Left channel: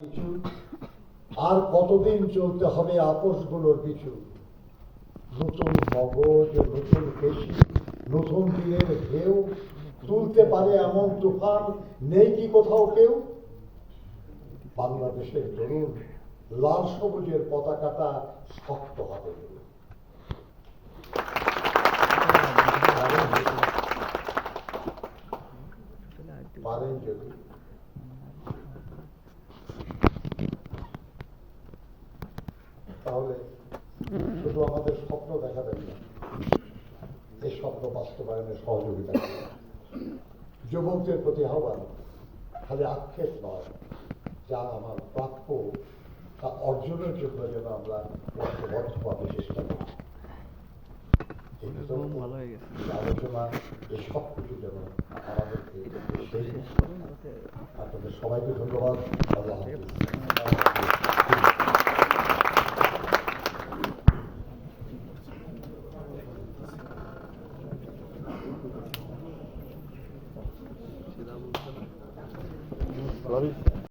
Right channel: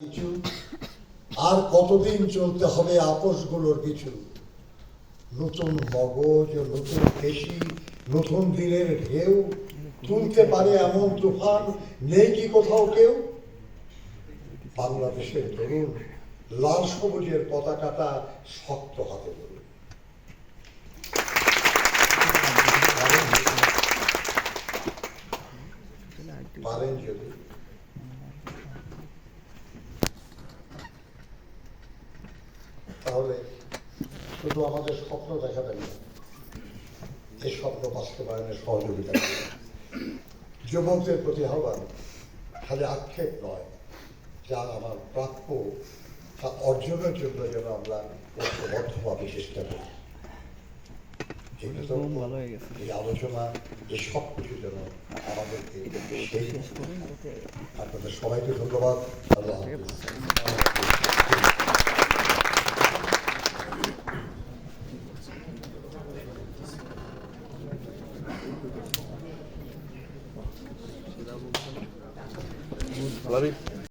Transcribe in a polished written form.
কিছু আর কতদিন চলতে হবে আপোষগুলোর পিছু, নতুন মগজ, নতুন পেশি, নতুন দিনের ঢেউ তুলতে পারে এমন তুফান নেই কি কোথাও কেউ। বাংলাদেশের তরুণ লাল সবুজের পতাকাটা শক্ত হাতে ধরুন। পারেন যদি তাহলে শুধু আমাদের স্বপ্ন দেখাবেন না, এই স্বপ্ন বাস্তবায়নের সহযোগিতা করবেন। যুবকদের প্রতি আহ্বান, খালি আক্ষেপ নয়, যা আমার প্রাপ্য তা অর্জনের জন্য যেন আমরা ঐক্যবদ্ধভাবে চেষ্টা করি। এই আলোচনা এই সব কিছু যেন আমাদেরকে সেই আপনাদের সবাইকে ধন্যবাদ। আল্লাহ হাফেজ। Love you.